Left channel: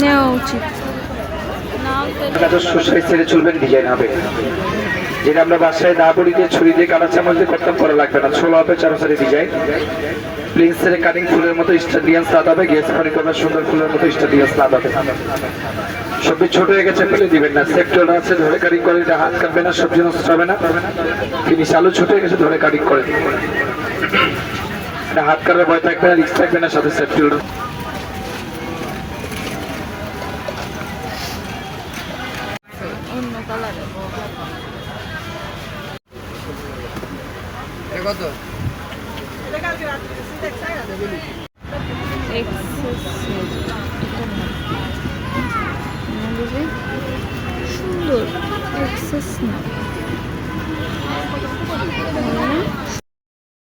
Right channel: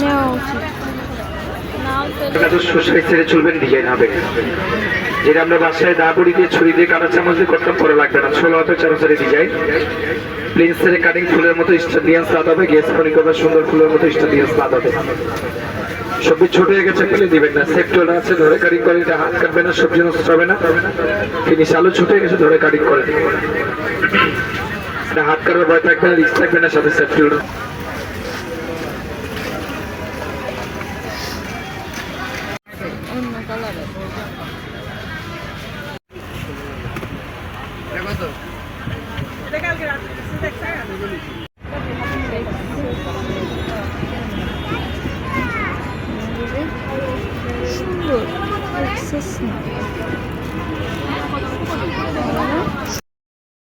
নেওয়া উচিত। ছেড়ে চলবেন, ডিজাইন হবে যেটা আমরা বাসায় দা বড়ি দিয়ে ছুরি দিয়ে কাটা চামচ দিয়ে করতাম, পরে লাগবে না। 16 হাতে 4 ডিজাইন প্রিন্সের কাটিং ফুলের মতো স্টাডিয়ান স্লাদ হবে, গেস ফনি করবে সুন্দর ফুলের মতো স্টাডিয়ান স্লাদ হবে। সবজি ছোট হয়ে গেছে ফেলে দিবেন না, সেফটি আছে, ধরে কাটিং করে, এটা হাত কাটবে না, সবজি নষ্ট হবে না। ফিনিশ আলু ছোট হয়ে গেছে, ধরে কাটিং করে এটা হাত কাটার ভয় থাকবে না, রিস্ক থাকবে না, সাথে সেফটি অন্য কালারে কত? সুন্দর এক্সেস না।